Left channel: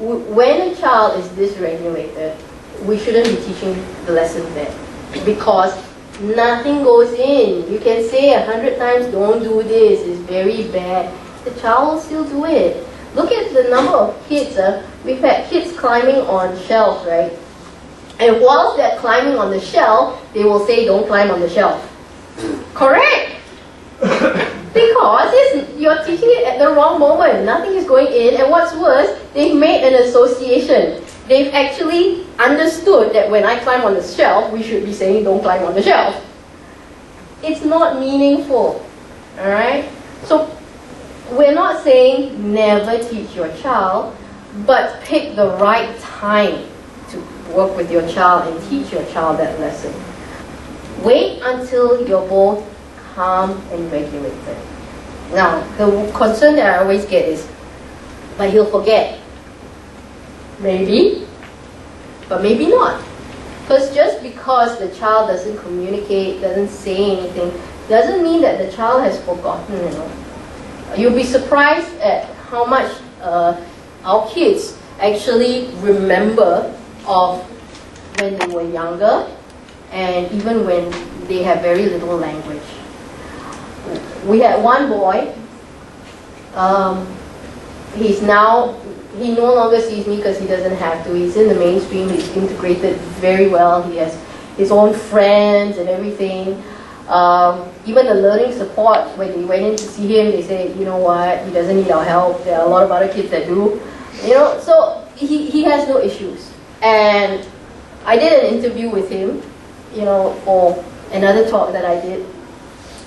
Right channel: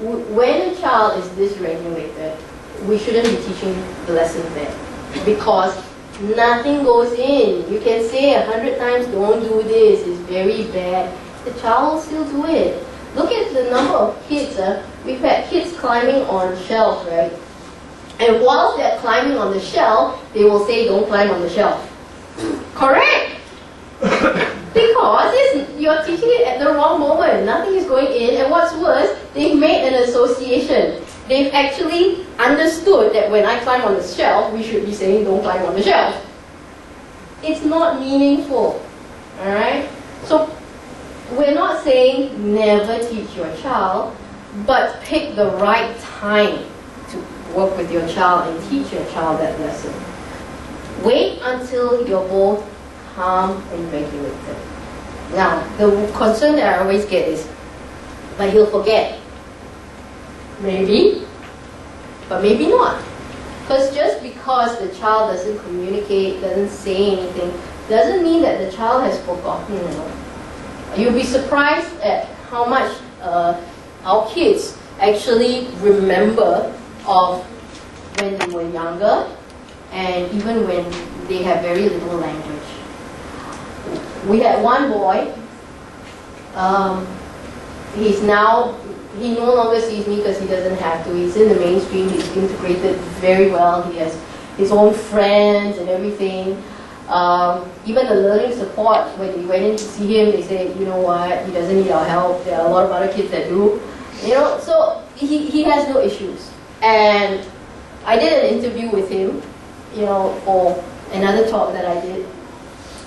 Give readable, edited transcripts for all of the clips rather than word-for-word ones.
when a child is dysregulated, we shouldn't be teaching the lesson there, because nothing goes in. You can say 100 times, don't do this, it's very bad. The child will still do it. Look at the number of kids. We've had kids climbing on shelves, right? And whilst they're climbing on the shelf, they will say, don't climb on the shelf. Correct! Because you're teaching it at the wrong moment. Nothing is going in, and what's worse, they've made an association. They've actually understood that when I climb on the shelf, we should be saying don't climb on the shelf. It's not meaningful. Alright? So we're not saying never teach your child, but pick the right time to work with your child and teach your child that lesson. Wait until you're both calm and regulated. Now, the concern that I always get is, but he'll forget. Maybe, but maybe not. Because just because the child doesn't communicate, doesn't say anything, doesn't mean that the child has forgotten, you know. You'll be surprised at how much our kids actually remember of when they were younger, and even when they have very little language. We had one boy, he no longer sees me because he doesn't have to. He's in the mainstream, he's integrated very well, he has his own friends and everything. Even the learning support, when they went in to see him, they said, you know what, he doesn't need our help, there are a lot of other kids that do. You know, so he has no issues. And I did an interview with him, you know, for another talk that I did.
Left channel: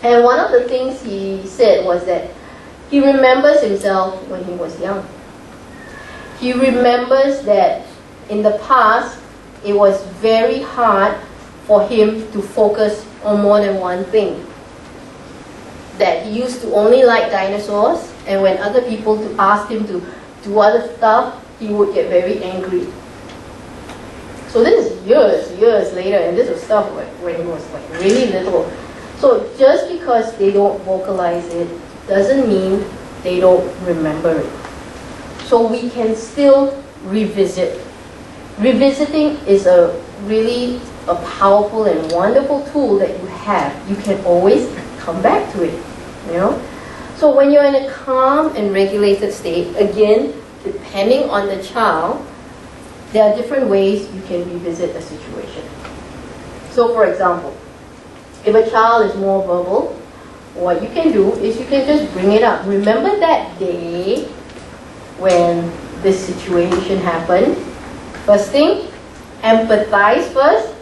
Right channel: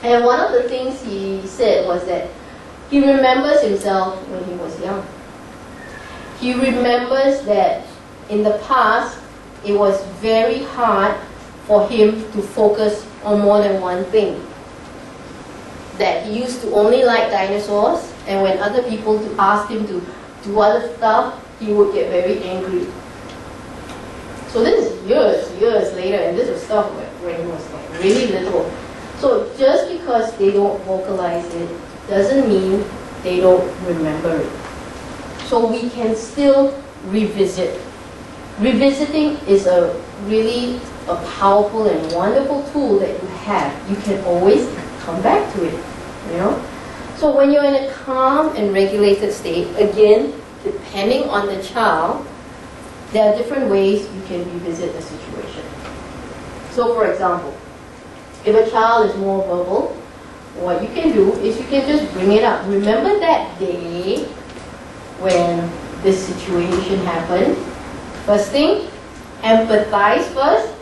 And one of the things he said was that he remembers himself when he was young. He remembers that in the past, it was very hard for him to focus on more than one thing. That he used to only like dinosaurs, and when other people asked him to do other stuff, he would get very angry. So this is years later, and this was stuff when he was like really little. So just because they don't vocalize it doesn't mean they don't remember it. So we can still revisit. Revisiting is a really powerful and wonderful tool that you have. You can always come back to it, you know. So when you're in a calm and regulated state, again, depending on the child, there are different ways you can revisit the situation. So for example, if a child is more verbal, what you can do is you can just bring it up. Remember that day when this situation happened? First thing, empathize first.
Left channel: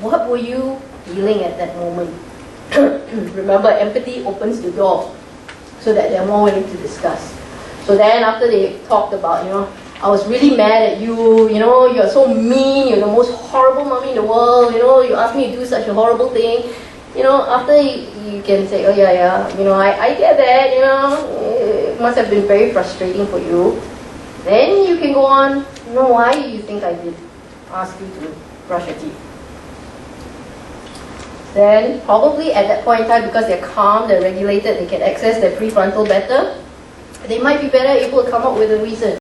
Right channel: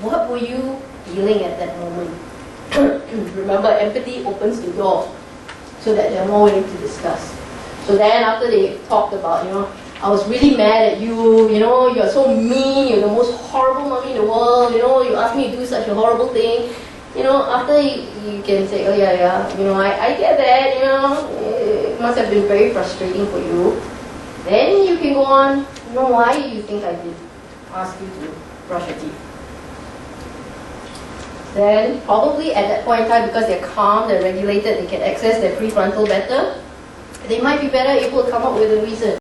What were you feeling at that moment? Remember, empathy opens the door so that they're more willing to discuss. So then after they talked about, you know, I was really mad at you, you know, you're so mean, you're the most horrible mommy in the world, you know, you asked me to do such a horrible thing. You know, after you can say, oh yeah, you know, I get that, you know, it must have been very frustrating for you. Then you can go on, you know, why do you think I did ask you to brush your teeth? Then probably at that point in time, because they're calm, they're regulated, they can access their prefrontal better, they might be better able to come up with a reason.